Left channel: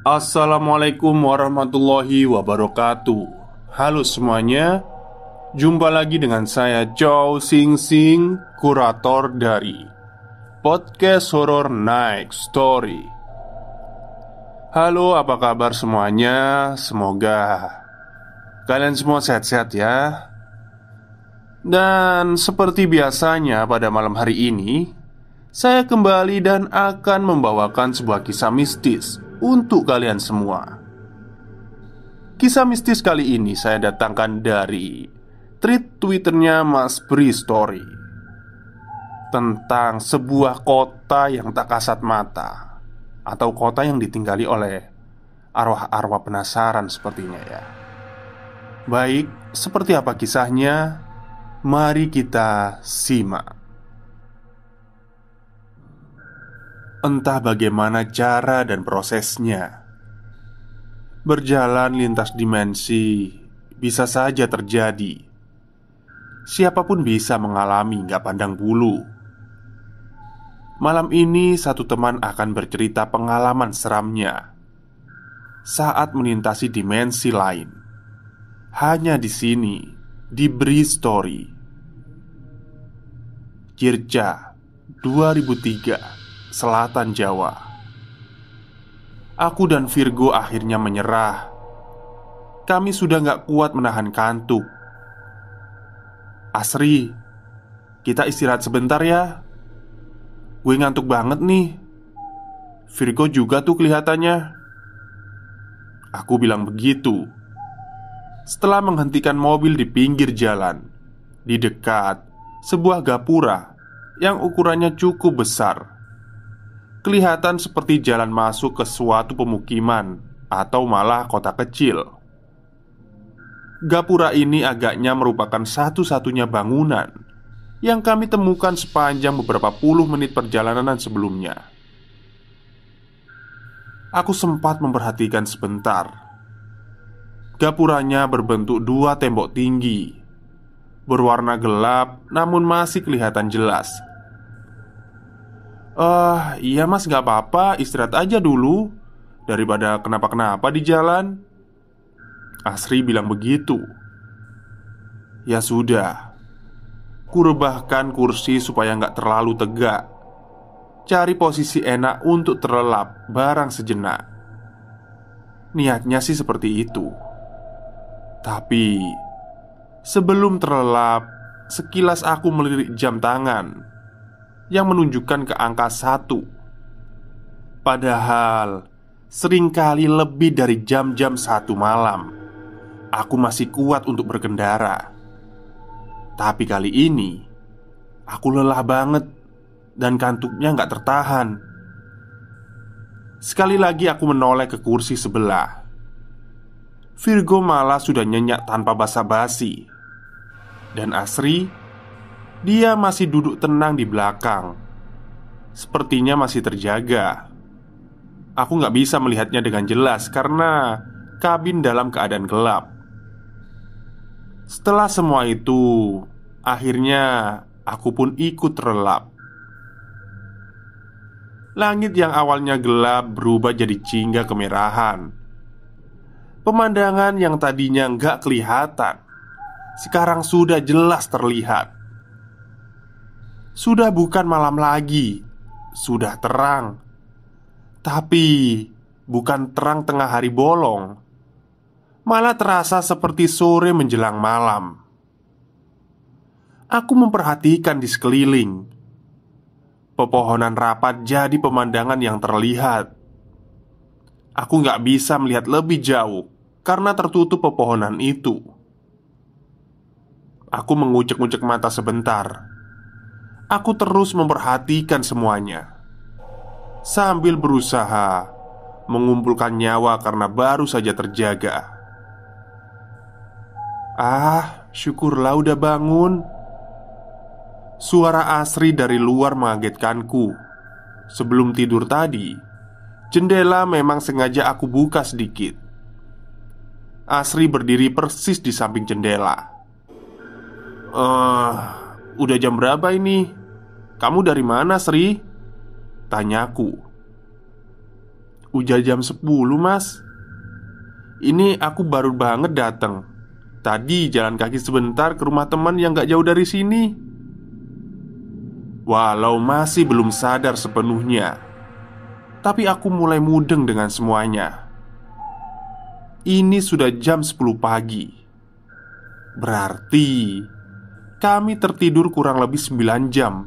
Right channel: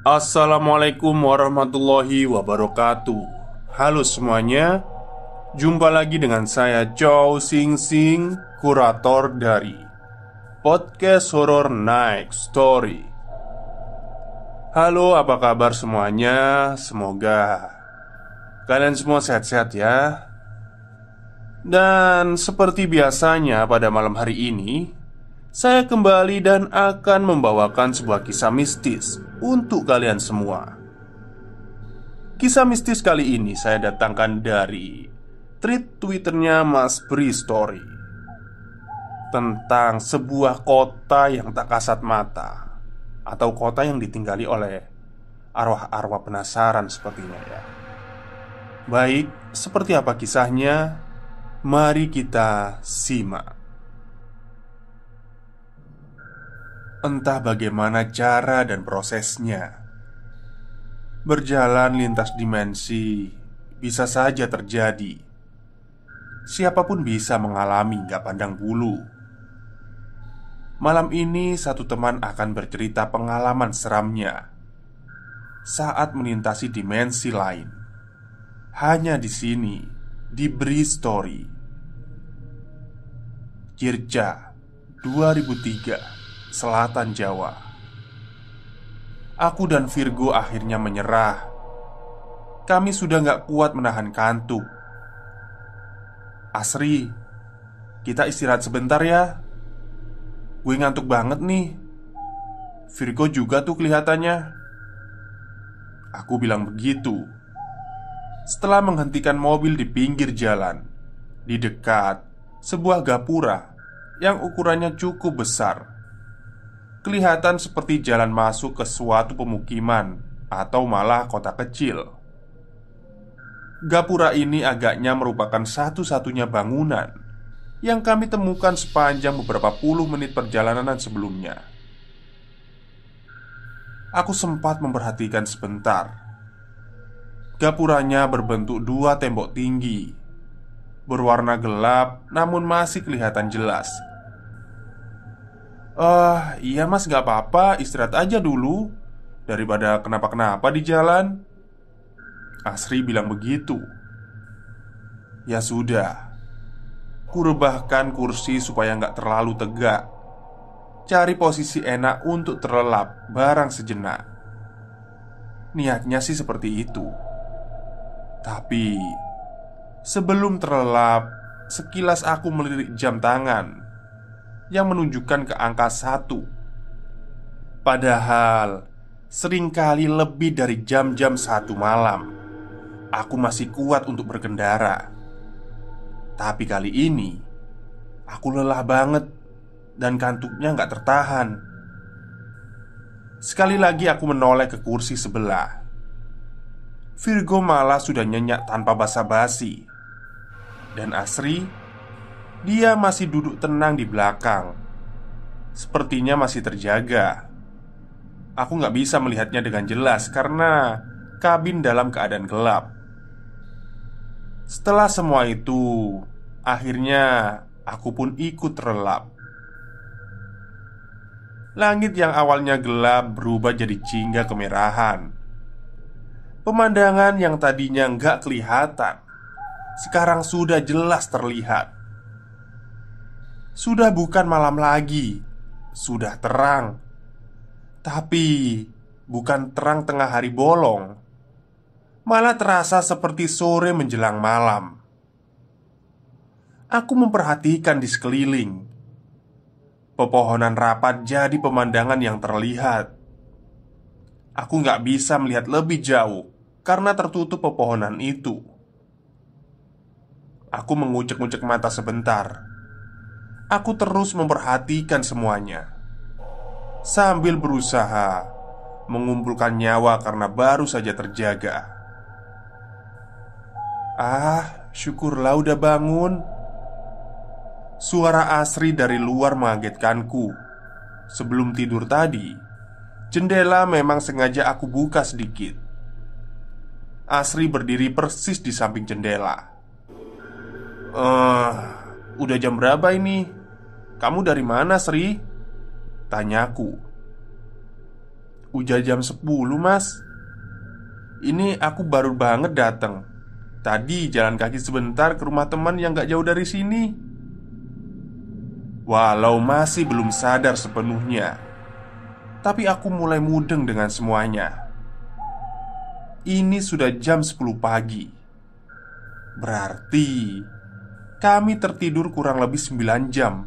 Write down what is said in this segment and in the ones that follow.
Assalamualaikum warahmatullahi wabarakatuh. Halo semuanya, jumpa lagi dengan saya Chow Sing Sing, kurator dari podcast Horror Night Story. Halo, apa kabar semuanya? Semoga kalian semua sehat-sehat ya. Dan seperti biasanya pada malam hari ini, saya kembali dan akan membawakan sebuah kisah mistis untuk kalian semua. Kisah mistis kali ini saya datangkan dari tweet Twitternya Mas Bri Story, tentang sebuah kota yang tak kasat mata, atau kota yang ditinggali oleh arwah-arwah penasaran sepertinya ya. Baik, seperti apa kisahnya? Mari kita simak. Entah bagaimana cara dan prosesnya, berjalan lintas dimensi bisa saja terjadi. Siapapun bisa mengalami, gak pandang bulu. Malam ini satu teman akan bercerita pengalaman seramnya saat melintasi dimensi lain. Hanya di sini, di Bri Story. Jirja 2003, Selatan Jawa. Aku dan Virgo akhirnya menyerah. Kami sudah gak kuat menahan kantuk. Asri, kita istirahat sebentar ya. Gue ngantuk banget nih. Virgo juga tuh kelihatannya. Aku bilang begitu setelah menghentikan mobil di pinggir jalan, di dekat sebuah gapura yang ukurannya cukup besar. Kelihatan seperti jalan masuk ke suatu pemukiman atau malah kota kecil. Gapura ini agaknya merupakan satu-satunya bangunan yang kami temukan sepanjang beberapa puluh menit perjalanan sebelumnya. Aku sempat memperhatikan sebentar. Gapuranya berbentuk dua tembok tinggi, berwarna gelap namun masih kelihatan jelas. Iya mas, gak apa-apa, istirahat aja dulu daripada kenapa-kenapa di jalan. Asri bilang begitu. Ya sudah, kurebahkan kursi supaya gak terlalu tegak. Cari posisi enak untuk terlelap barang sejenak. Niatnya sih seperti itu. Tapi sebelum terlelap, sekilas aku melirik jam tangan yang menunjukkan ke angka 1. Padahal seringkali lebih dari jam-jam 1 malam aku masih kuat untuk berkendara. Tapi kali ini aku lelah banget dan kantuknya gak tertahan. Sekali lagi aku menoleh ke kursi sebelah. Virgo malah sudah nyenyak tanpa basa-basi. Dan Asri, dia masih duduk tenang di belakang. Sepertinya masih terjaga. Aku gak bisa melihatnya dengan jelas karena kabin dalam keadaan gelap. Setelah semua itu, akhirnya aku pun ikut terlelap. Langit yang awalnya gelap berubah jadi jingga kemerahan. Pemandangan yang tadinya gak kelihatan sekarang sudah jelas terlihat. Sudah bukan malam lagi, sudah terang. Tapi bukan terang tengah hari bolong, malah terasa seperti sore menjelang malam. Aku memperhatikan di sekeliling. Pepohonan rapat jadi pemandangan yang terlihat. Aku gak bisa melihat lebih jauh karena tertutup pepohonan itu. Aku mengucek-ucek mata sebentar. Aku terus memperhatikan semuanya sambil berusaha mengumpulkan nyawa karena baru saja terjaga. Syukurlah udah bangun. Suara Asri dari luar mengagetkanku. Sebelum tidur tadi, jendela memang sengaja aku buka sedikit. Asri berdiri persis di samping jendela. Udah jam berapa ini? Kamu dari mana, Sri? Tanyaku. Udah jam 10 mas. Ini aku baru banget datang. Tadi jalan kaki sebentar ke rumah teman yang gak jauh dari sini. Walau masih belum sadar sepenuhnya, tapi aku mulai mudeng dengan semuanya. Ini sudah jam 10 pagi. Berarti kami tertidur kurang lebih 9 jam.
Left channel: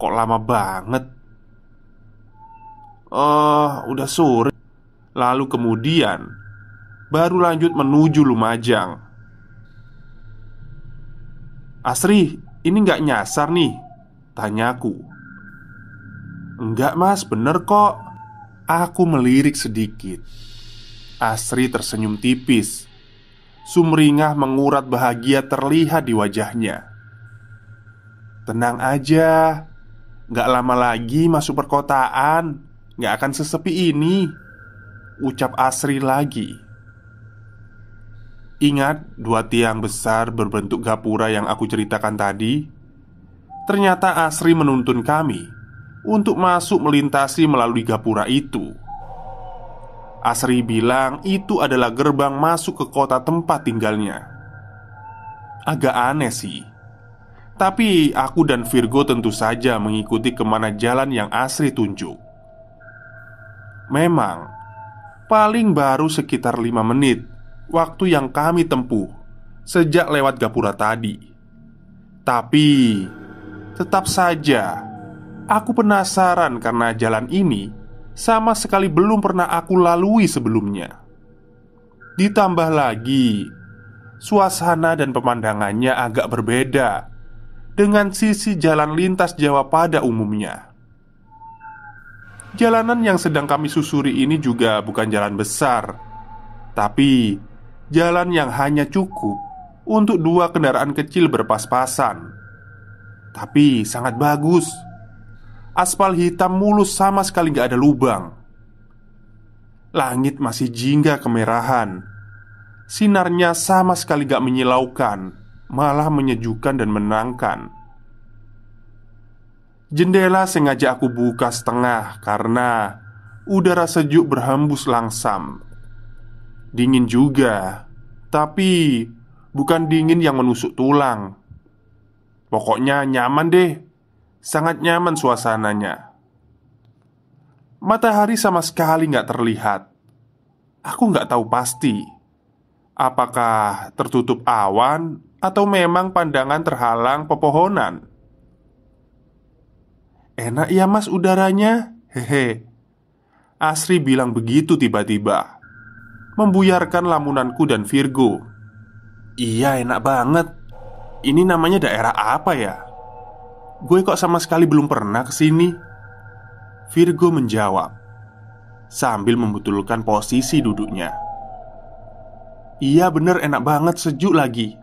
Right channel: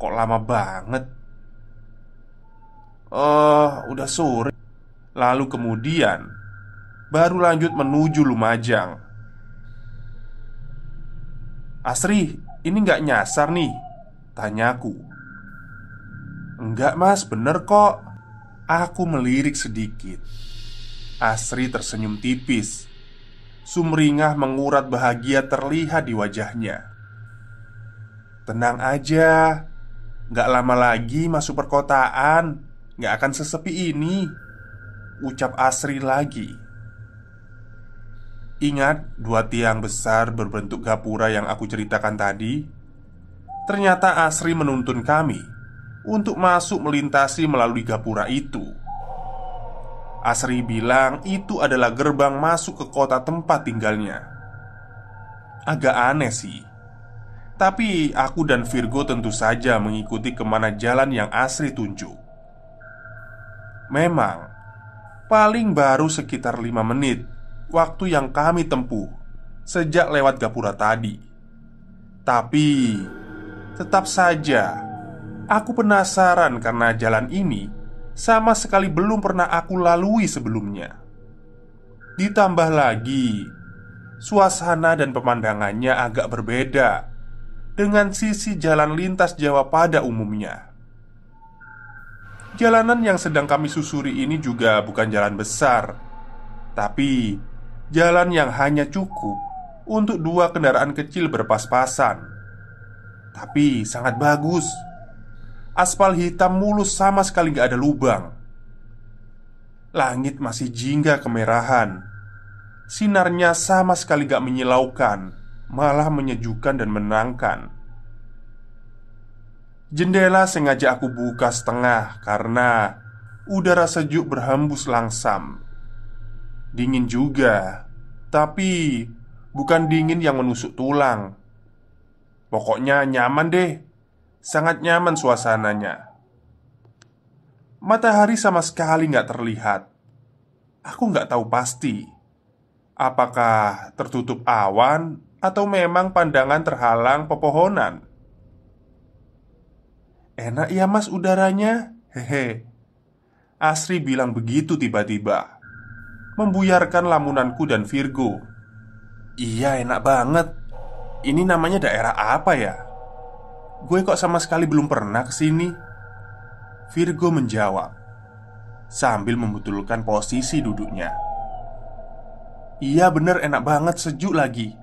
Kok lama banget? Udah sore. Lalu kemudian baru lanjut menuju Lumajang. Asri, ini nggak nyasar nih? Tanyaku. Enggak mas, bener kok. Aku melirik sedikit. Asri tersenyum tipis. Sumringah mengurat bahagia terlihat di wajahnya. Tenang aja, nggak lama lagi masuk perkotaan. Nggak akan sesepi ini, ucap Asri lagi. Ingat dua tiang besar berbentuk gapura yang aku ceritakan tadi? Ternyata Asri menuntun kami untuk masuk melintasi melalui gapura itu. Asri bilang itu adalah gerbang masuk ke kota tempat tinggalnya. Agak aneh sih, tapi aku dan Virgo tentu saja mengikuti kemana jalan yang Asri tunjuk. Memang paling baru sekitar 5 menit waktu yang kami tempuh sejak lewat gapura tadi. Tapi tetap saja aku penasaran karena jalan ini sama sekali belum pernah aku lalui sebelumnya. Ditambah lagi suasana dan pemandangannya agak berbeda dengan sisi jalan lintas Jawa pada umumnya. Jalanan yang sedang kami susuri ini juga bukan jalan besar, tapi jalan yang hanya cukup untuk 2 kendaraan kecil berpas-pasan. Tapi sangat bagus. Aspal hitam mulus sama sekali gak ada lubang. Langit masih jingga kemerahan. Sinarnya sama sekali gak menyilaukan, malah menyejukkan dan menenangkan. Jendela sengaja aku buka setengah karena udara sejuk berhembus langsam. Dingin juga, tapi bukan dingin yang menusuk tulang. Pokoknya nyaman deh. Sangat nyaman suasananya. Matahari sama sekali gak terlihat. Aku gak tahu pasti apakah tertutup awan atau memang pandangan terhalang pepohonan. Enak ya mas udaranya. Hehe. Asri bilang begitu tiba-tiba, membuyarkan lamunanku dan Virgo. Iya enak banget. Ini namanya daerah apa ya? Gue kok sama sekali belum pernah kesini. Virgo menjawab sambil membetulkan posisi duduknya. Iya bener enak banget, sejuk lagi.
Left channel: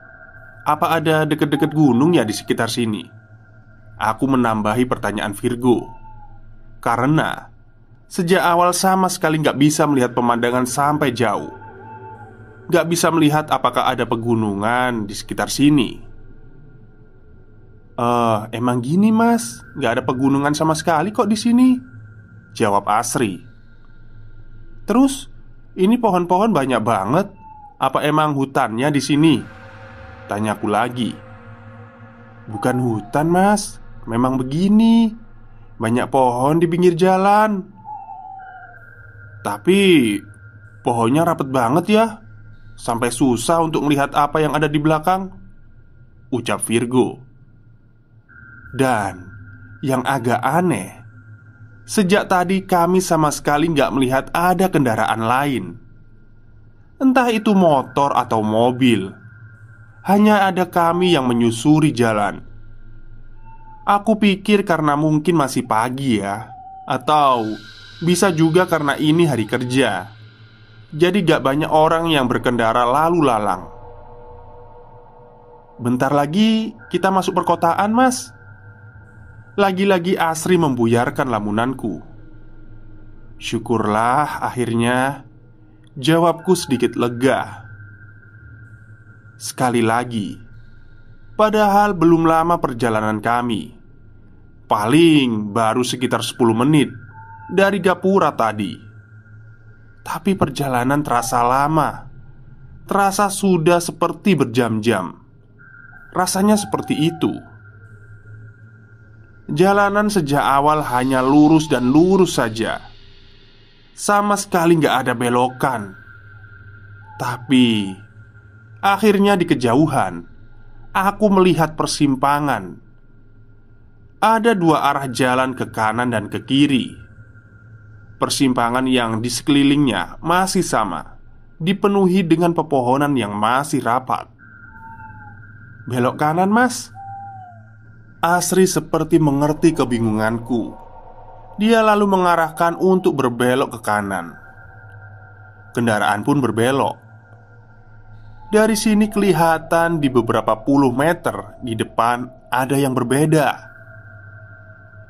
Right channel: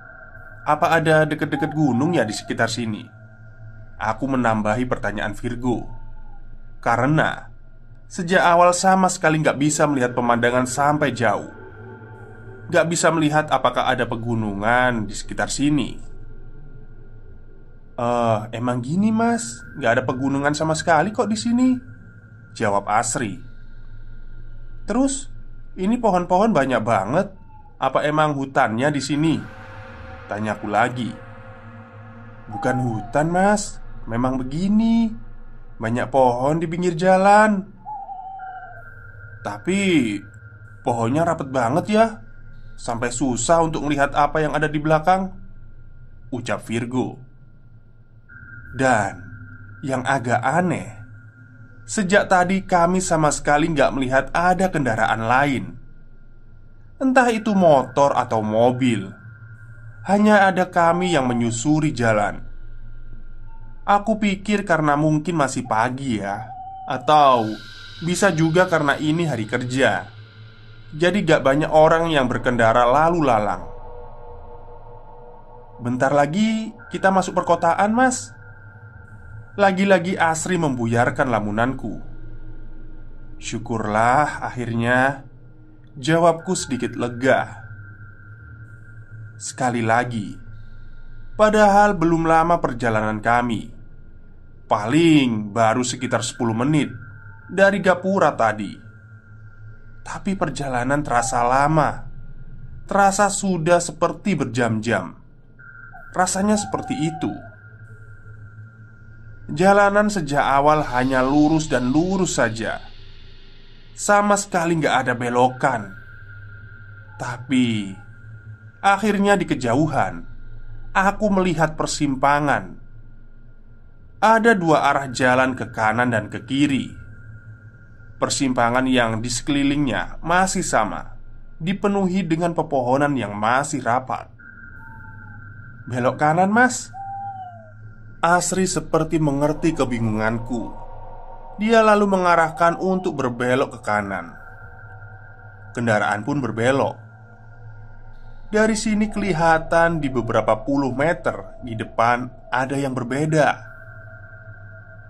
Apa ada deket-deket gunung ya di sekitar sini? Aku menambahi pertanyaan Virgo karena sejak awal sama sekali gak bisa melihat pemandangan sampai jauh. Gak bisa melihat apakah ada pegunungan di sekitar sini. Emang gini mas, gak ada pegunungan sama sekali kok di sini, jawab Asri. Terus, ini pohon-pohon banyak banget. Apa emang hutannya di sini? Tanyaku lagi. Bukan hutan mas, memang begini. Banyak pohon di pinggir jalan. Tapi pohonnya rapet banget ya, sampai susah untuk melihat apa yang ada di belakang, ucap Virgo. Dan yang agak aneh, sejak tadi kami sama sekali gak melihat ada kendaraan lain. Entah itu motor atau mobil. Hanya ada kami yang menyusuri jalan. Aku pikir karena mungkin masih pagi ya, atau bisa juga karena ini hari kerja. Jadi gak banyak orang yang berkendara lalu lalang. Bentar lagi kita masuk perkotaan mas. Lagi-lagi Asri membuyarkan lamunanku. Syukurlah akhirnya, jawabku sedikit lega. Sekali lagi, padahal belum lama perjalanan kami. Paling baru sekitar 10 menit. dari Gapura tadi. Tapi perjalanan terasa lama. Terasa sudah seperti berjam-jam. Rasanya seperti itu. Jalanan sejak awal hanya lurus dan lurus saja. Sama sekali nggak ada belokan. Tapi akhirnya di kejauhan aku melihat persimpangan. Ada dua arah jalan ke kanan dan ke kiri. Persimpangan yang di sekelilingnya masih sama, dipenuhi dengan pepohonan yang masih rapat. "Belok kanan, Mas." Asri seperti mengerti kebingunganku. Dia lalu mengarahkan untuk berbelok ke kanan. Kendaraan pun berbelok. Dari sini kelihatan di beberapa puluh meter di depan ada yang berbeda.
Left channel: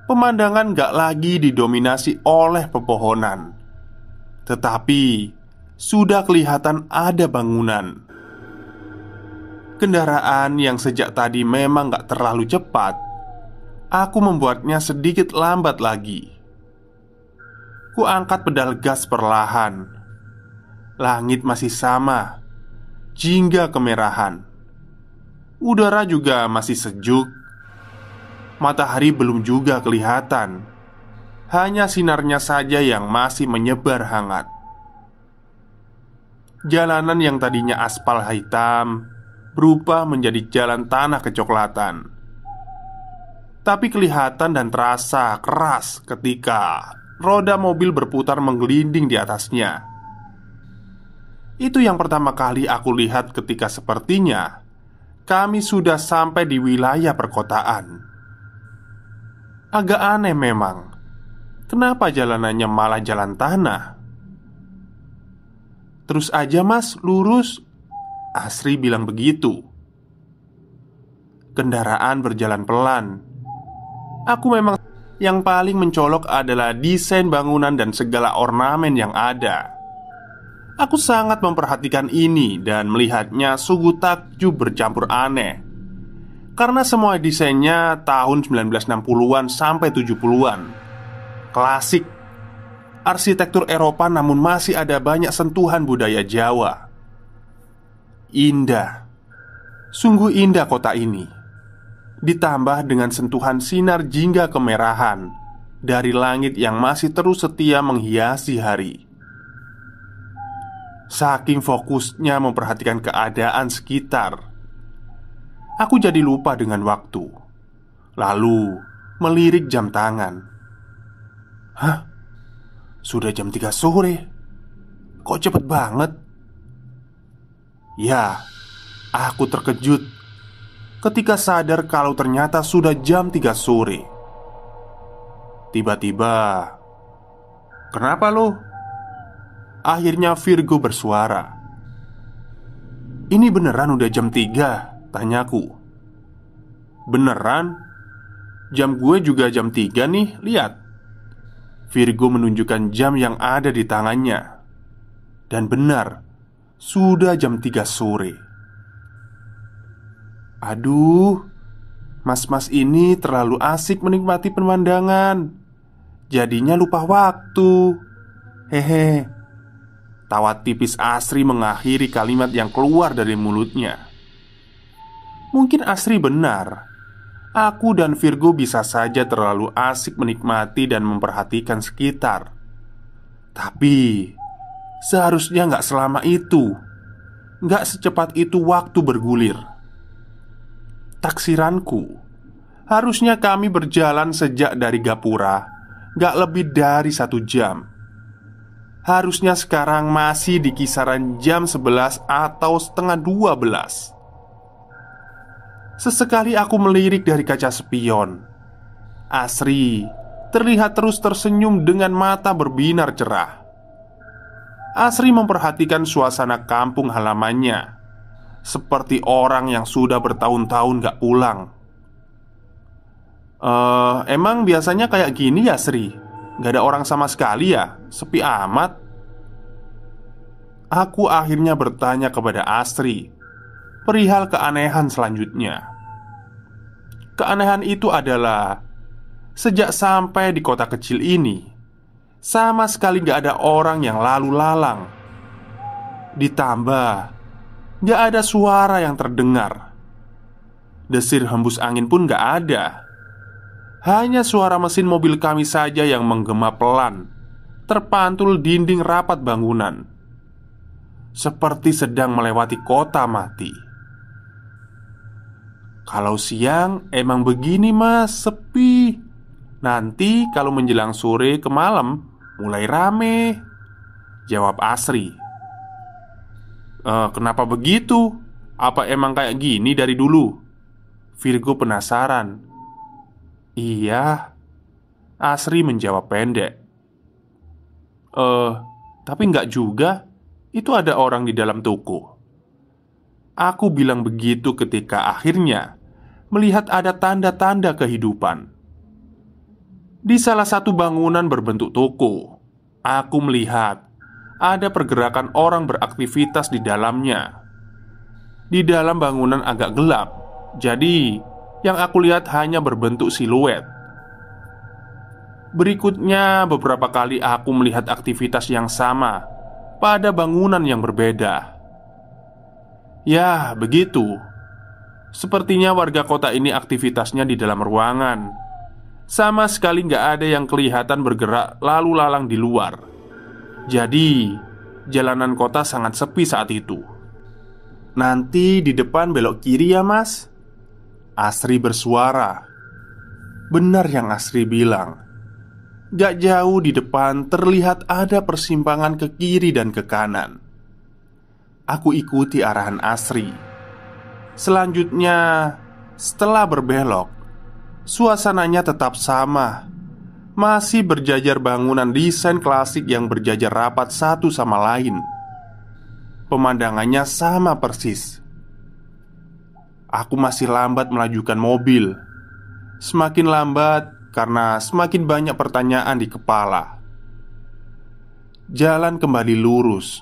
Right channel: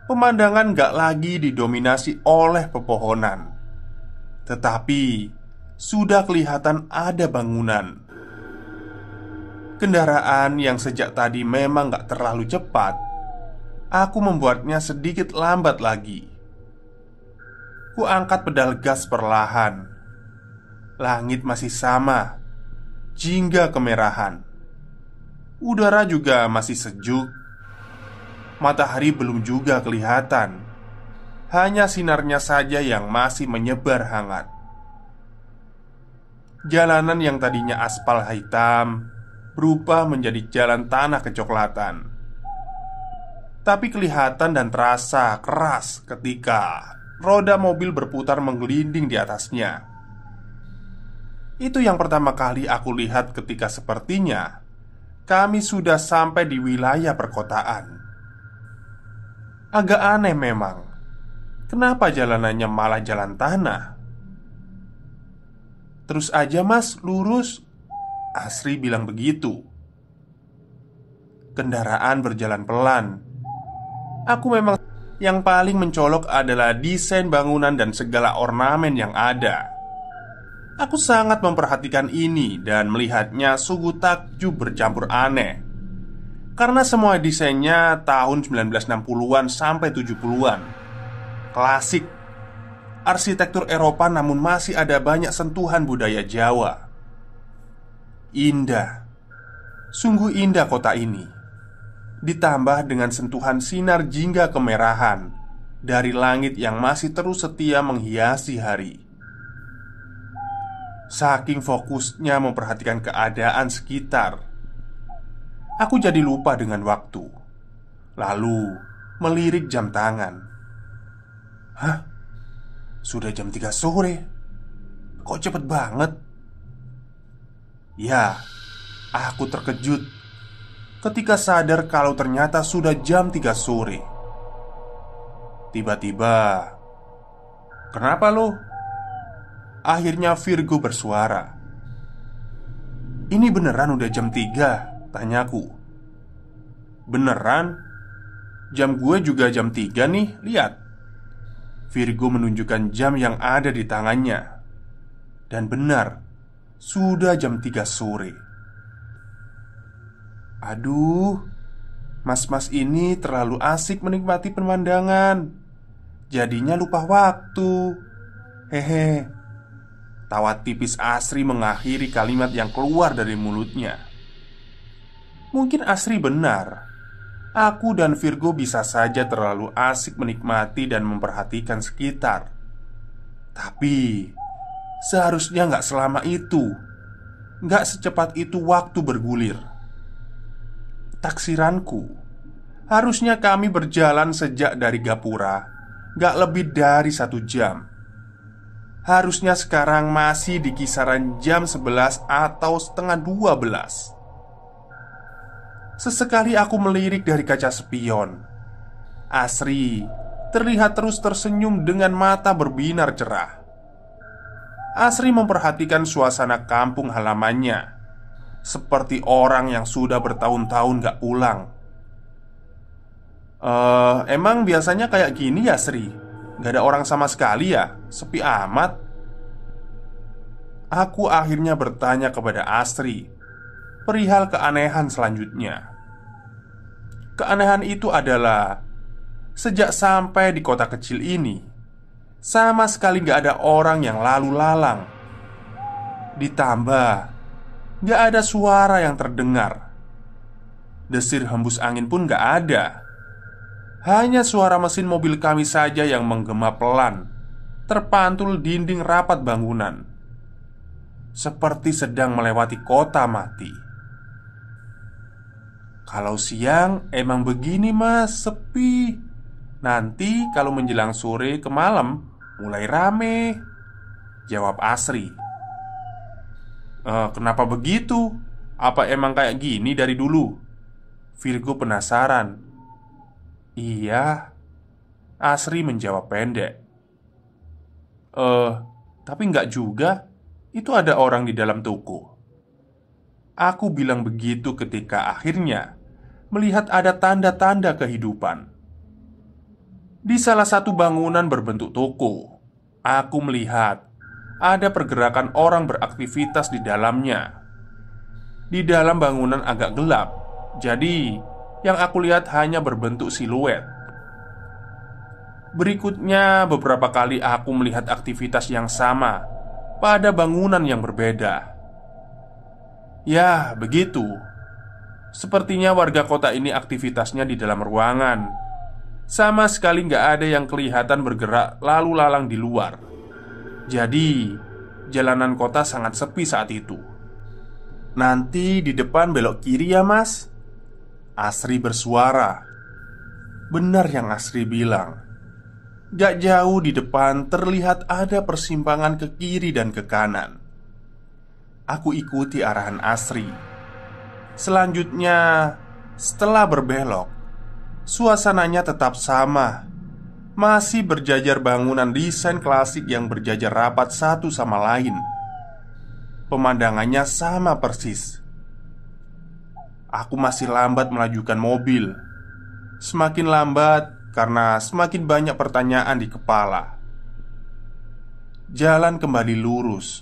Pemandangan gak lagi didominasi oleh pepohonan, tetapi sudah kelihatan ada bangunan. Kendaraan yang sejak tadi memang gak terlalu cepat, aku membuatnya sedikit lambat lagi. Ku angkat pedal gas perlahan. Langit masih sama, jingga kemerahan. Udara juga masih sejuk. Matahari belum juga kelihatan. Hanya sinarnya saja yang masih menyebar hangat. Jalanan yang tadinya aspal hitam berubah menjadi jalan tanah kecoklatan. Tapi kelihatan dan terasa keras ketika roda mobil berputar menggelinding di atasnya. Itu yang pertama kali aku lihat ketika sepertinya kami sudah sampai di wilayah perkotaan. Agak aneh memang. Kenapa jalanannya malah jalan tanah? "Terus aja, Mas, lurus," Asri bilang begitu. Kendaraan berjalan pelan. Aku memang yang paling mencolok adalah desain bangunan dan segala ornamen yang ada. Aku sangat memperhatikan ini dan melihatnya sungguh takjub bercampur aneh. Karena semua desainnya tahun 1960-an sampai 70-an. Klasik. Arsitektur Eropa namun masih ada banyak sentuhan budaya Jawa. Indah. Sungguh indah kota ini. Ditambah dengan sentuhan sinar jingga kemerahan dari langit yang masih terus setia menghiasi hari. Saking fokusnya memperhatikan keadaan sekitar, aku jadi lupa dengan waktu. Lalu melirik jam tangan. "Hah? Sudah jam 3 sore? Kok cepet banget?" Ya, aku terkejut ketika sadar kalau ternyata sudah jam 3 sore. Tiba-tiba, "Kenapa lo?" Akhirnya Virgo bersuara. "Ini beneran udah jam 3?" tanyaku. "Beneran? Jam gue juga jam 3 nih, lihat." Virgo menunjukkan jam yang ada di tangannya. Dan benar, sudah jam 3 sore. "Aduh, mas-mas ini terlalu asik menikmati pemandangan, jadinya lupa waktu. Hehe." Tawa tipis Asri mengakhiri kalimat yang keluar dari mulutnya. Mungkin Asri benar. Aku dan Virgo bisa saja terlalu asik menikmati dan memperhatikan sekitar. Tapi seharusnya nggak selama itu. Nggak secepat itu waktu bergulir. Taksiranku, harusnya kami berjalan sejak dari Gapura nggak lebih dari 1 jam. Harusnya sekarang masih di kisaran jam 11 atau setengah 12. Sesekali aku melirik dari kaca spion. Asri terlihat terus tersenyum dengan mata berbinar cerah. Asri memperhatikan suasana kampung halamannya, seperti orang yang sudah bertahun-tahun gak pulang. Emang biasanya kayak gini ya, Sri? Gak ada orang sama sekali ya? Sepi amat." Aku akhirnya bertanya kepada Asri perihal keanehan selanjutnya. Keanehan itu adalah sejak sampai di kota kecil ini, sama sekali gak ada orang yang lalu lalang. Ditambah gak ada suara yang terdengar. Desir hembus angin pun gak ada. Hanya suara mesin mobil kami saja yang menggema pelan, terpantul dinding rapat bangunan, seperti sedang melewati kota mati. Kalau siang emang begini mas, sepi. Nanti kalau menjelang sore ke malam mulai rame, jawab Asri. Kenapa begitu? Apa emang kayak gini dari dulu? Virgo penasaran. Iya, Asri menjawab pendek. Tapi nggak juga. Itu ada orang di dalam toko. Aku bilang begitu ketika akhirnya melihat ada tanda-tanda kehidupan. Di salah satu bangunan berbentuk toko, aku melihat ada pergerakan orang beraktivitas di dalamnya. Di dalam bangunan agak gelap, jadi yang aku lihat hanya berbentuk siluet. Berikutnya, beberapa kali aku melihat aktivitas yang sama pada bangunan yang berbeda. Ya, begitu. Sepertinya warga kota ini aktivitasnya di dalam ruangan. Sama sekali nggak ada yang kelihatan bergerak lalu lalang di luar. Jadi, jalanan kota sangat sepi saat itu. Nanti di depan belok kiri ya mas, Asri bersuara. Benar yang Asri bilang. Gak jauh di depan terlihat ada persimpangan ke kiri dan ke kanan. Aku ikuti arahan Asri. Selanjutnya, setelah berbelok, suasananya tetap sama. Masih berjajar bangunan desain klasik yang berjajar rapat satu sama lain. Pemandangannya sama persis. Aku masih lambat melajukan mobil. Semakin lambat karena semakin banyak pertanyaan di kepala. Jalan kembali lurus.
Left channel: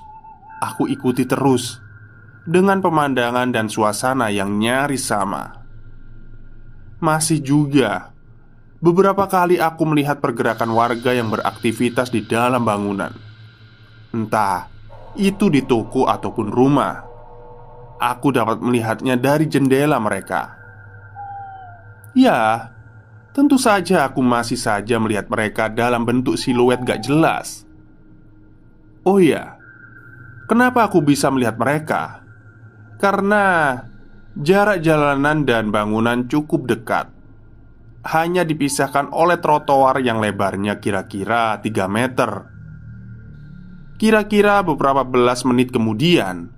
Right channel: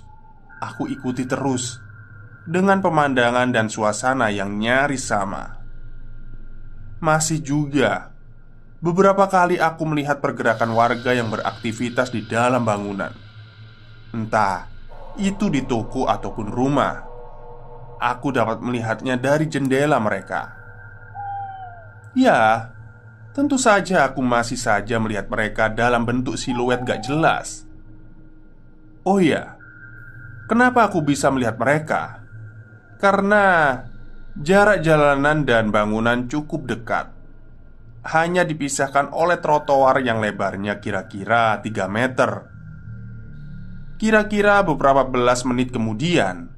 Aku ikuti terus dengan pemandangan dan suasana yang nyaris sama. Masih juga beberapa kali aku melihat pergerakan warga yang beraktivitas di dalam bangunan. Entah itu di toko ataupun rumah. Aku dapat melihatnya dari jendela mereka. Ya, tentu saja aku masih saja melihat mereka dalam bentuk siluet gak jelas. Oh ya, kenapa aku bisa melihat mereka? Karena jarak jalanan dan bangunan cukup dekat. Hanya dipisahkan oleh trotoar yang lebarnya kira-kira 3 meter. Kira-kira beberapa belas menit kemudian,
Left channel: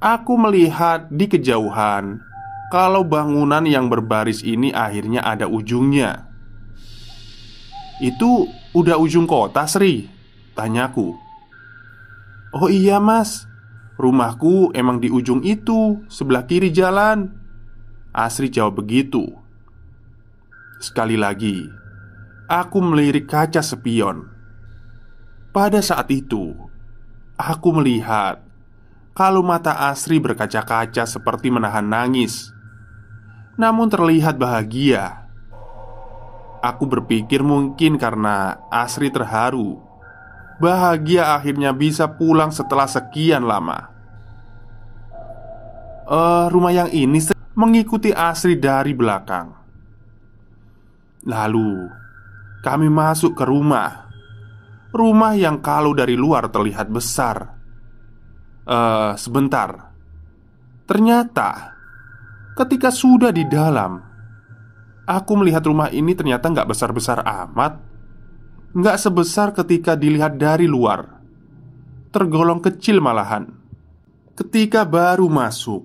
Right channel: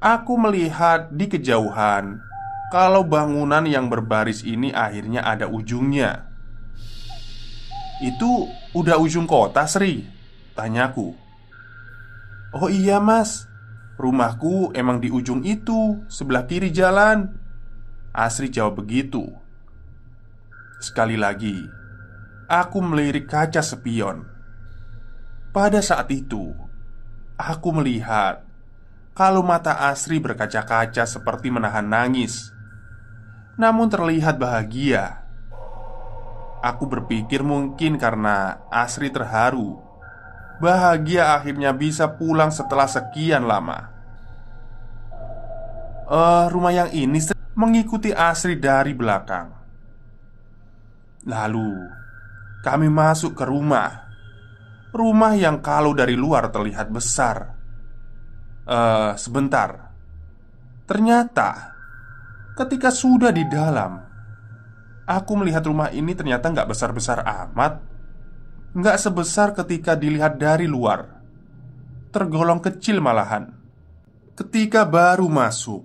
aku melihat di kejauhan kalau bangunan yang berbaris ini akhirnya ada ujungnya. Itu udah ujung kota, Sri? Tanyaku. Oh iya mas, rumahku emang di ujung itu, sebelah kiri jalan. Asri jawab begitu. Sekali lagi, aku melirik kaca spion. Pada saat itu, aku melihat kalau mata Asri berkaca-kaca seperti menahan nangis, namun terlihat bahagia. Aku berpikir mungkin karena Asri terharu, bahagia akhirnya bisa pulang setelah sekian lama. Rumah yang ini mengikuti Asri dari belakang. Lalu kami masuk ke rumah. Rumah yang kalau dari luar terlihat besar. Sebentar. Ternyata ketika sudah di dalam, aku melihat rumah ini ternyata nggak besar-besar amat. Nggak sebesar ketika dilihat dari luar. Tergolong kecil malahan. Ketika baru masuk,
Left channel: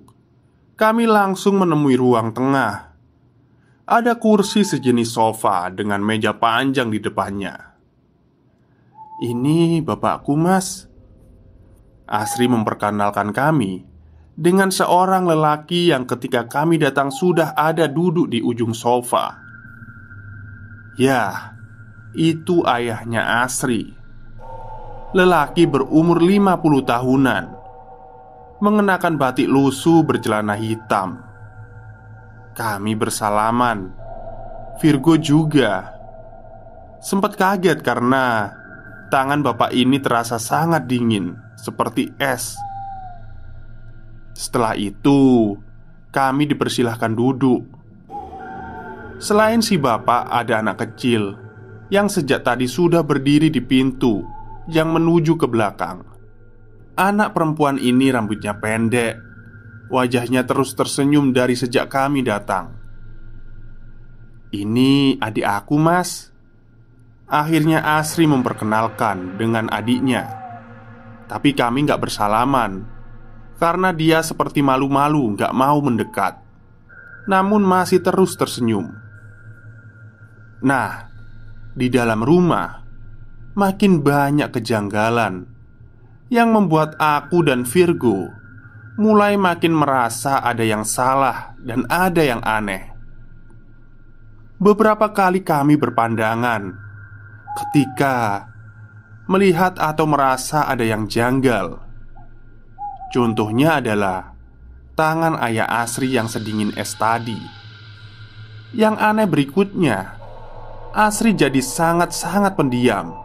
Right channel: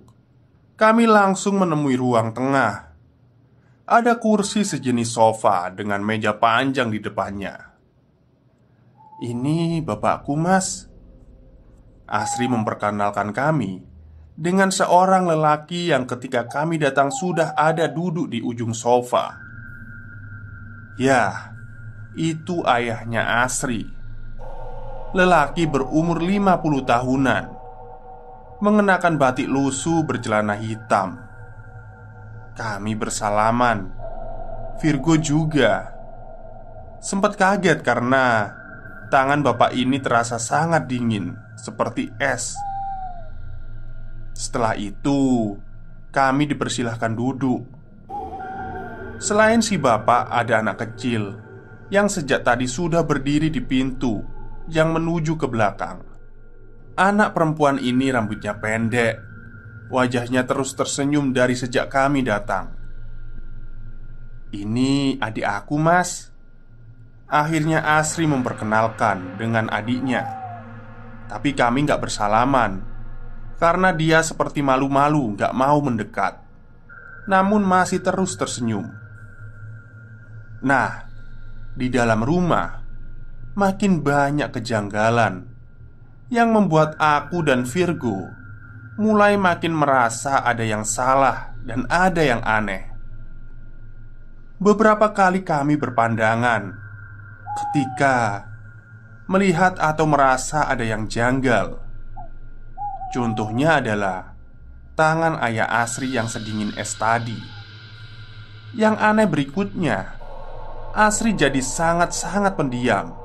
kami langsung menemui ruang tengah. Ada kursi sejenis sofa dengan meja panjang di depannya. Ini bapakku mas. Asri memperkenalkan kami dengan seorang lelaki yang ketika kami datang sudah ada duduk di ujung sofa. Ya, itu ayahnya Asri. Lelaki berumur 50 tahunan, mengenakan batik lusuh bercelana hitam. Kami bersalaman. Virgo juga sempat kaget karena tangan bapak ini terasa sangat dingin, seperti es. Setelah itu, kami dipersilahkan duduk. Selain si bapak, ada anak kecil yang sejak tadi sudah berdiri di pintu yang menuju ke belakang. Anak perempuan ini rambutnya pendek, wajahnya terus tersenyum dari sejak kami datang. "Ini adik aku, Mas." Akhirnya Asri memperkenalkan dengan adiknya. Tapi kami gak bersalaman karena dia seperti malu-malu gak mau mendekat, namun masih terus tersenyum. Nah, di dalam rumah makin banyak kejanggalan yang membuat aku dan Virgo mulai makin merasa ada yang salah dan ada yang aneh. Beberapa kali kami berpandangan ketika melihat atau merasa ada yang janggal. Contohnya adalah tangan ayah Asri yang sedingin es tadi. Yang aneh berikutnya, Asri jadi sangat-sangat pendiam.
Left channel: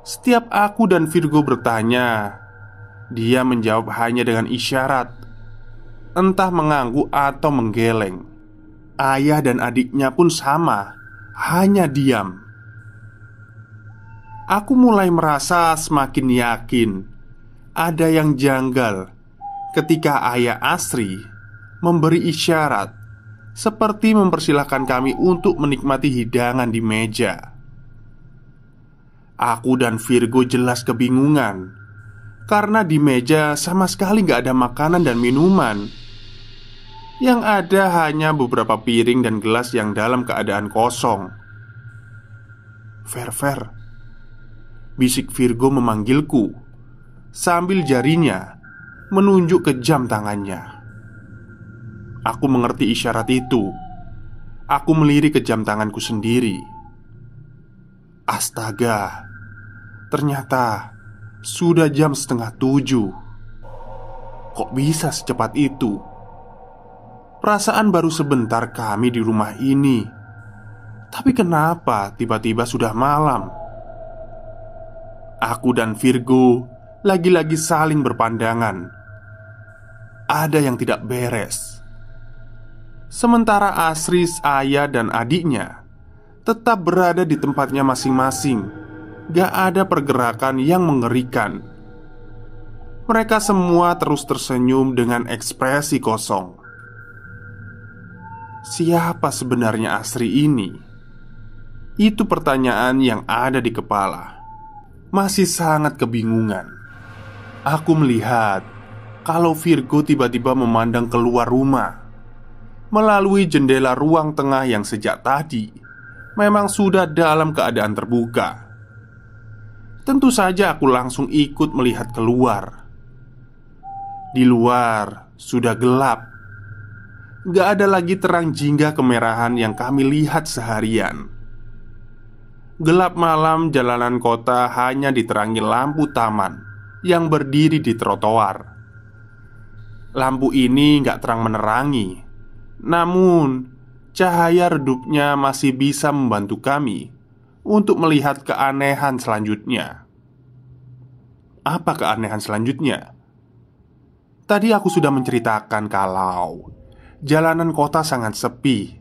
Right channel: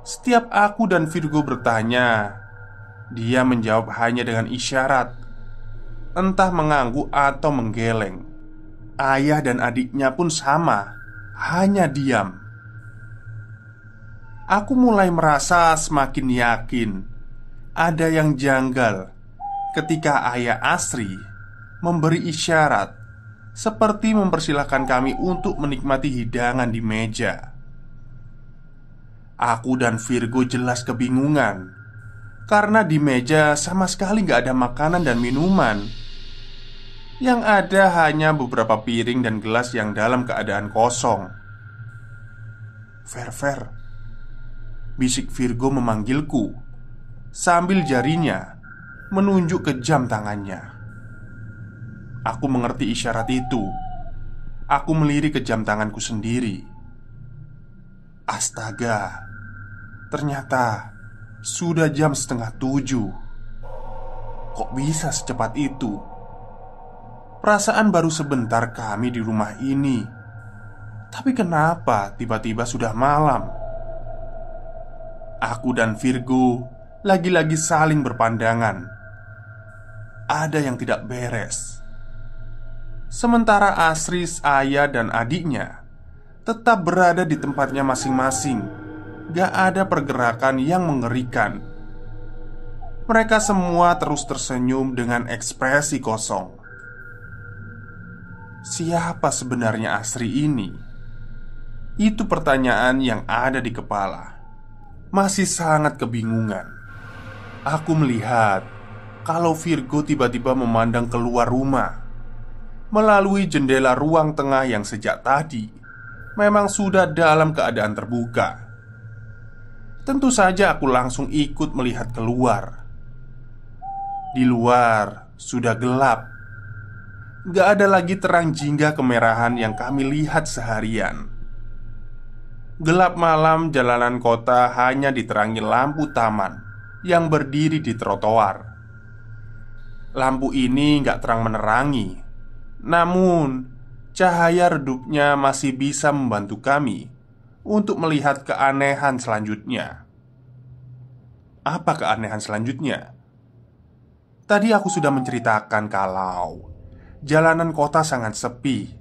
Setiap aku dan Virgo bertanya, dia menjawab hanya dengan isyarat, entah mengangguk atau menggeleng. Ayah dan adiknya pun sama, hanya diam. Aku mulai merasa semakin yakin ada yang janggal ketika ayah Asri memberi isyarat seperti mempersilahkan kami untuk menikmati hidangan di meja. Aku dan Virgo jelas kebingungan karena di meja sama sekali gak ada makanan dan minuman. Yang ada hanya beberapa piring dan gelas yang dalam keadaan kosong. "Ver, bisik Virgo memanggilku sambil jarinya menunjuk ke jam tangannya. Aku mengerti isyarat itu. Aku melirik ke jam tanganku sendiri. Astaga, ternyata sudah jam 6:30. Kok bisa secepat itu? Perasaan baru sebentar kami di rumah ini, tapi kenapa tiba-tiba sudah malam?" Aku dan Virgo lagi-lagi saling berpandangan. Ada yang tidak beres. Sementara Asri, ayah dan adiknya tetap berada di tempatnya masing-masing. Gak ada pergerakan yang mengerikan. Mereka semua terus tersenyum dengan ekspresi kosong. Siapa sebenarnya Asri ini? Itu pertanyaan yang ada di kepala. Masih sangat kebingungan. Aku melihat kalau Virgo tiba-tiba memandang keluar rumah melalui jendela ruang tengah yang sejak tadi memang sudah dalam keadaan terbuka. Tentu saja aku langsung ikut melihat keluar. Di luar sudah gelap. Gak ada lagi terang jingga kemerahan yang kami lihat seharian. Gelap malam jalanan kota hanya diterangi lampu taman yang berdiri di trotoar. Lampu ini gak terang menerangi, namun cahaya redupnya masih bisa membantu kami untuk melihat keanehan selanjutnya. Apa keanehan selanjutnya? Tadi aku sudah menceritakan kalau jalanan kota sangat sepi.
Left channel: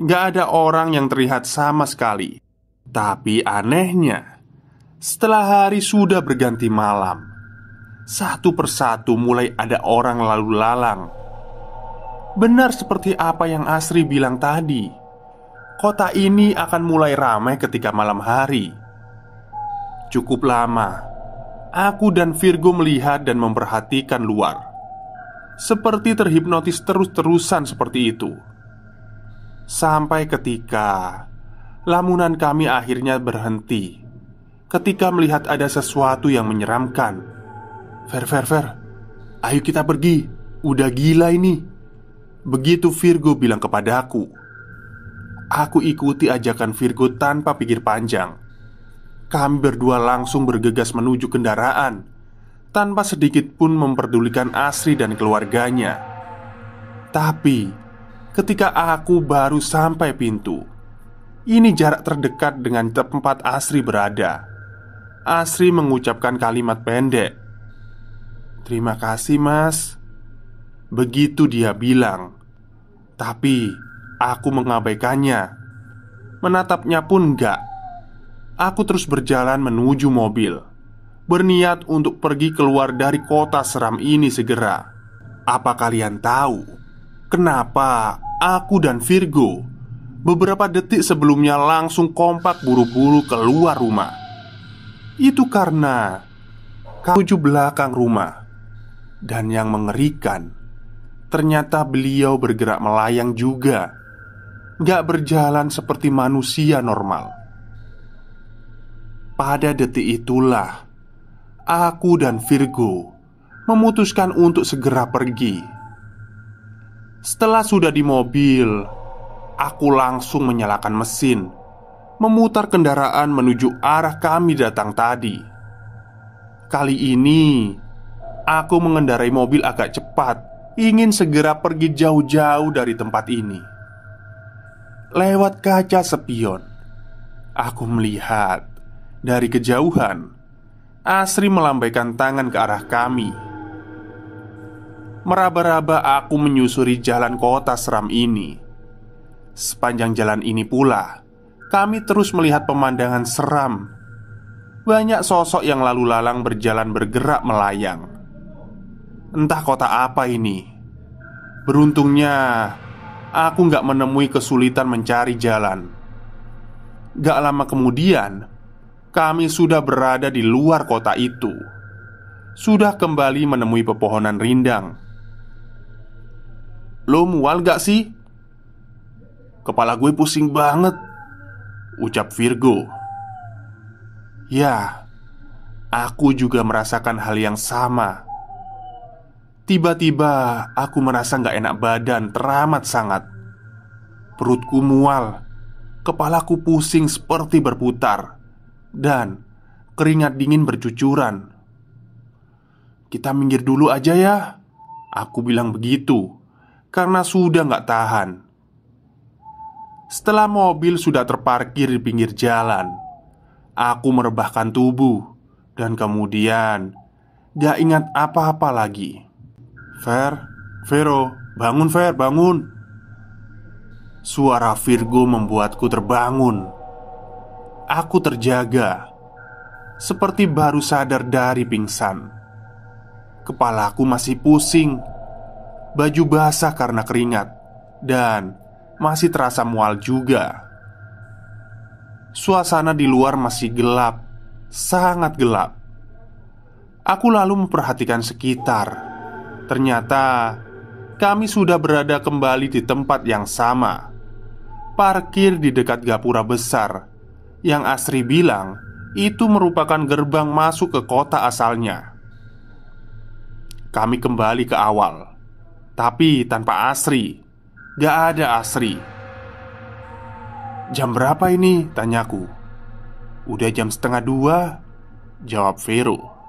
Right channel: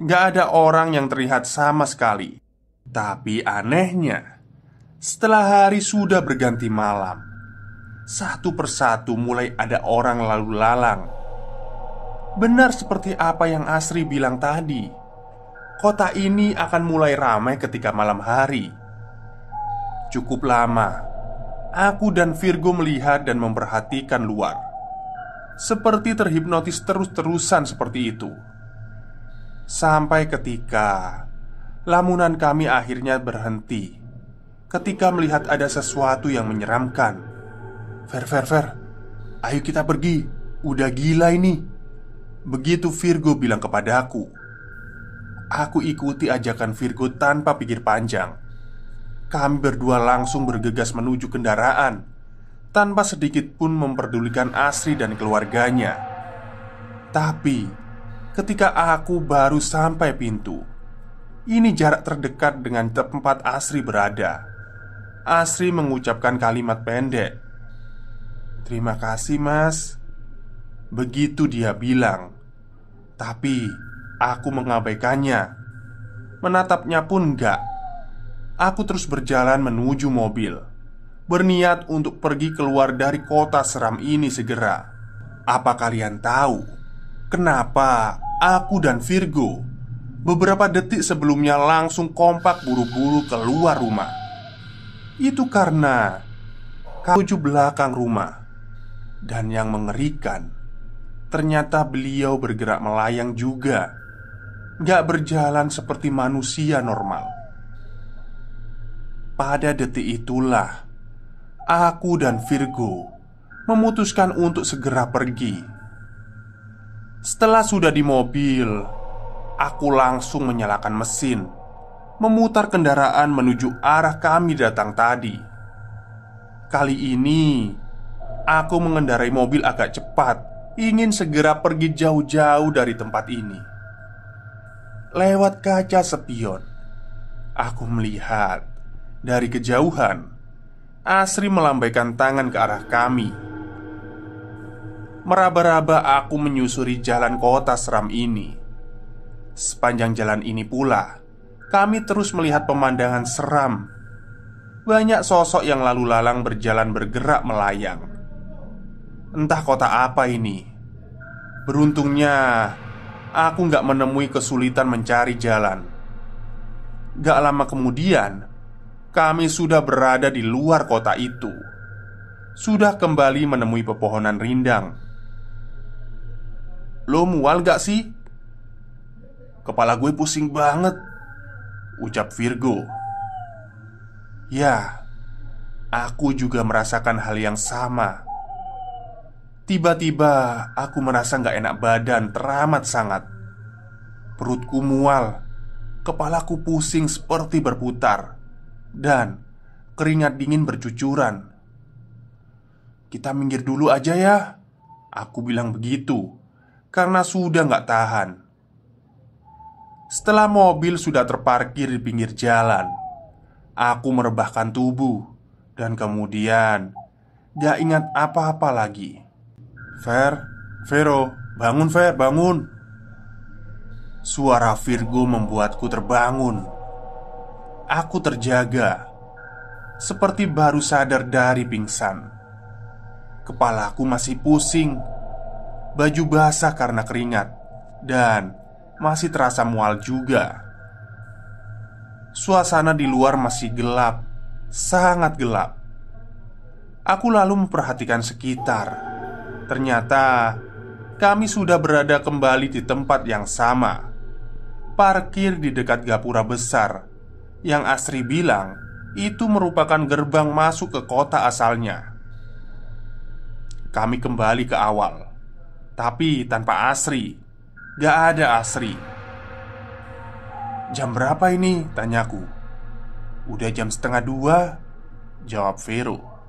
Gak ada orang yang terlihat sama sekali. Tapi anehnya, setelah hari sudah berganti malam, satu persatu mulai ada orang lalu lalang. Benar seperti apa yang Asri bilang tadi, kota ini akan mulai ramai ketika malam hari. Cukup lama aku dan Virgo melihat dan memperhatikan luar, seperti terhipnotis terus-terusan seperti itu. Sampai ketika lamunan kami akhirnya berhenti ketika melihat ada sesuatu yang menyeramkan. Ver, ayo kita pergi. Udah gila ini." Begitu Virgo bilang kepadaku. Aku ikuti ajakan Virgo tanpa pikir panjang. Kami berdua langsung bergegas menuju kendaraan tanpa sedikit pun memperdulikan Asri dan keluarganya. Tapi ketika aku baru sampai pintu, ini jarak terdekat dengan tempat Asri berada. Asri mengucapkan kalimat pendek. "Terima kasih mas." Begitu dia bilang. Tapi aku mengabaikannya. Menatapnya pun enggak. Aku terus berjalan menuju mobil, berniat untuk pergi keluar dari kota seram ini segera. Apa kalian tahu kenapa aku dan Virgo beberapa detik sebelumnya langsung kompak buru-buru keluar rumah? Itu karena menuju belakang rumah. Dan yang mengerikan, ternyata beliau bergerak melayang juga, gak berjalan seperti manusia normal. Pada detik itulah aku dan Virgo memutuskan untuk segera pergi. Setelah sudah di mobil, aku langsung menyalakan mesin, memutar kendaraan menuju arah kami datang tadi. Kali ini aku mengendarai mobil agak cepat, ingin segera pergi jauh-jauh dari tempat ini. Lewat kaca spion, aku melihat dari kejauhan Asri melambaikan tangan ke arah kami. Meraba-raba aku menyusuri jalan kota seram ini. Sepanjang jalan ini pula kami terus melihat pemandangan seram. Banyak sosok yang lalu lalang berjalan bergerak melayang. Entah kota apa ini. Beruntungnya aku gak menemui kesulitan mencari jalan. Gak lama kemudian kami sudah berada di luar kota itu. Sudah kembali menemui pepohonan rindang. "Lo mual gak sih?" "Kepala gue pusing banget," ucap Virgo. Ya, aku juga merasakan hal yang sama. Tiba-tiba aku merasa gak enak badan teramat sangat. Perutku mual, kepalaku pusing seperti berputar, dan keringat dingin bercucuran. "Kita minggir dulu aja ya," aku bilang begitu, karena sudah gak tahan. Setelah mobil sudah terparkir di pinggir jalan, aku merebahkan tubuh dan kemudian gak ingat apa-apa lagi. Vero, bangun Ver, bangun." Suara Virgo membuatku terbangun. Aku terjaga, seperti baru sadar dari pingsan. Kepalaku masih pusing, baju basah karena keringat, dan masih terasa mual juga. Suasana di luar masih gelap, sangat gelap. Aku lalu memperhatikan sekitar. Ternyata kami sudah berada kembali di tempat yang sama, parkir di dekat gapura besar yang Asri bilang itu merupakan gerbang masuk ke kota asalnya. Kami kembali ke awal, tapi tanpa Asri. Gak ada Asri. "Jam berapa ini?" tanyaku. "Udah jam 1:30," jawab Vero.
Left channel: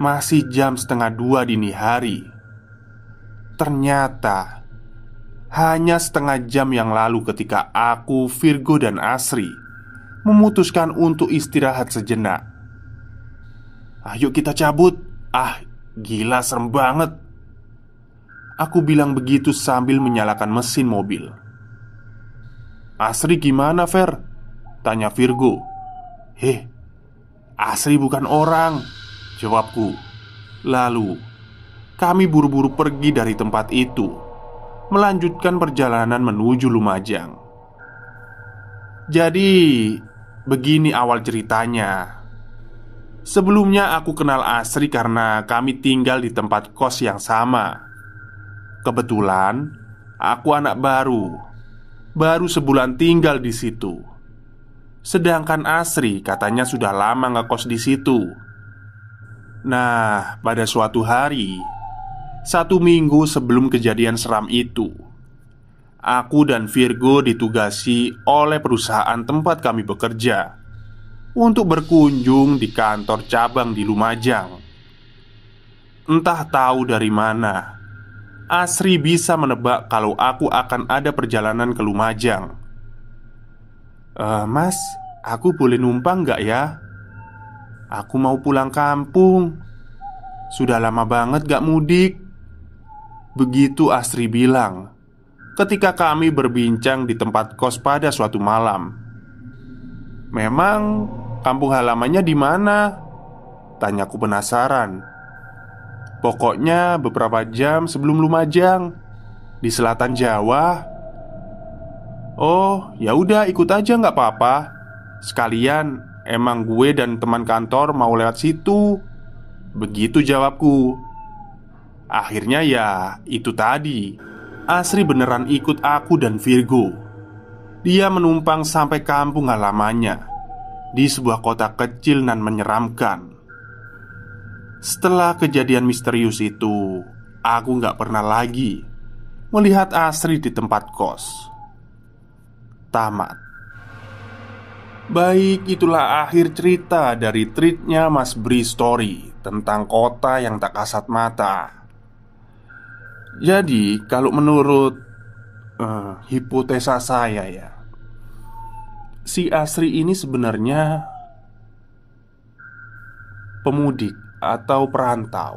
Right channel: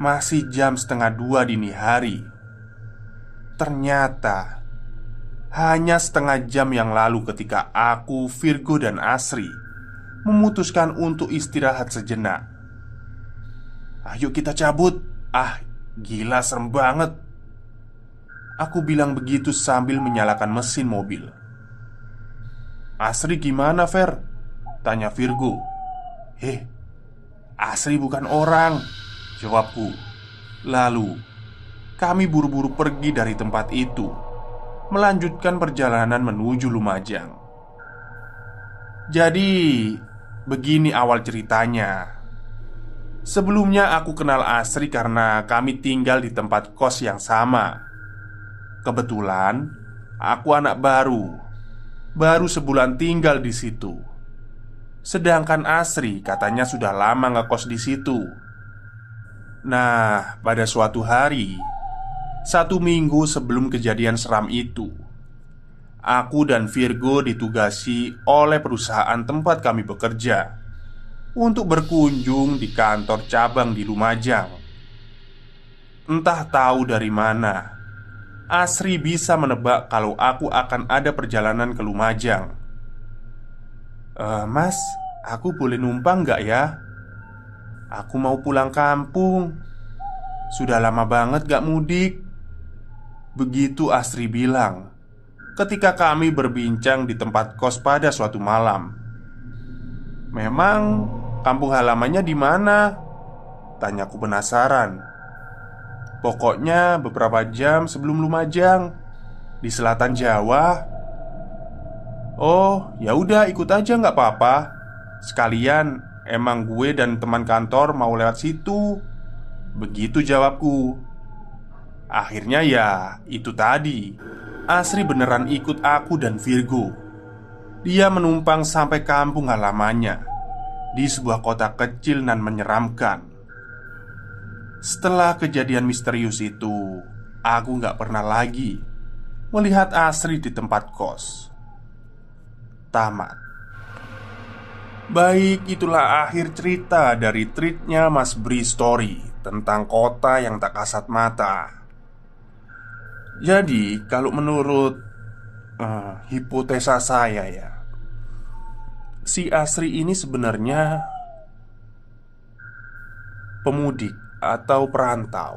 Masih jam 1:30 dini hari. Ternyata hanya setengah jam yang lalu ketika aku, Virgo, dan Asri memutuskan untuk istirahat sejenak. "Ayo kita cabut. Ah, gila serem banget," aku bilang begitu sambil menyalakan mesin mobil. "Asri gimana Ver?" tanya Virgo. Asri bukan orang," jawabku. Lalu kami buru-buru pergi dari tempat itu, melanjutkan perjalanan menuju Lumajang. Jadi begini awal ceritanya. Sebelumnya aku kenal Asri karena kami tinggal di tempat kos yang sama. Kebetulan aku anak baru sebulan tinggal di situ. Sedangkan Asri katanya sudah lama ngekos di situ. Nah, pada suatu hari, 1 minggu sebelum kejadian seram itu, aku dan Virgo ditugasi oleh perusahaan tempat kami bekerja untuk berkunjung di kantor cabang di Lumajang. Entah tahu dari mana, Asri bisa menebak kalau aku akan ada perjalanan ke Lumajang. Mas, aku boleh numpang gak ya?" Aku mau pulang kampung. Sudah lama banget gak mudik." Begitu Asri bilang ketika kami berbincang di tempat kos pada suatu malam. "Memang kampung halamannya di mana?" tanyaku penasaran. "Pokoknya beberapa jam sebelum Lumajang, di selatan Jawa." "Oh, ya udah ikut aja nggak apa-apa. Sekalian emang gue dan teman kantor mau lewat situ." Begitu jawabku. Akhirnya ya itu tadi, Asri beneran ikut aku dan Virgo. Dia menumpang sampai kampung halamannya di sebuah kota kecil dan menyeramkan. Setelah kejadian misterius itu, aku gak pernah lagi melihat Asri di tempat kos. Tamat. Baik, itulah akhir cerita dari treatnya Mas Bri Story tentang kota yang tak kasat mata. Jadi, kalau menurut hipotesa saya ya, si Asri ini sebenarnya pemudik atau perantau.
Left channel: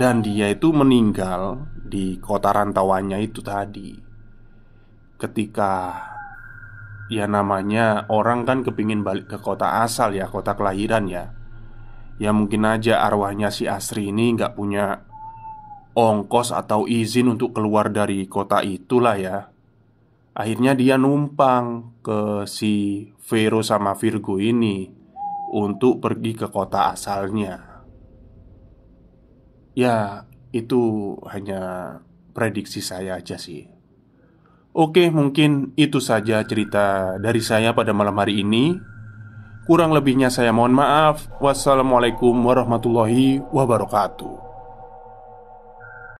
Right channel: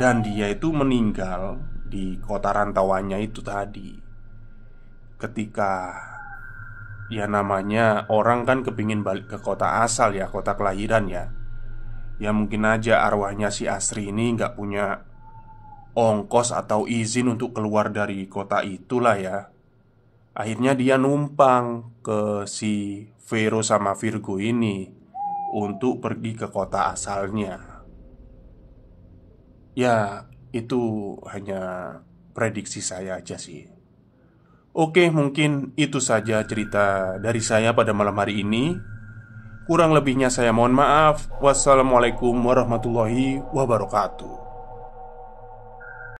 Dan dia itu meninggal di kota rantauannya itu tadi. Ketika ya namanya orang kan kepingin balik ke kota asal ya, kota kelahiran ya. Ya mungkin aja arwahnya si Asri ini nggak punya ongkos atau izin untuk keluar dari kota itulah ya. Akhirnya dia numpang ke si Vero sama Virgo ini untuk pergi ke kota asalnya. Ya, itu hanya prediksi saya aja sih. Oke, mungkin itu saja cerita dari saya pada malam hari ini. Kurang lebihnya saya mohon maaf. Wassalamualaikum warahmatullahi wabarakatuh.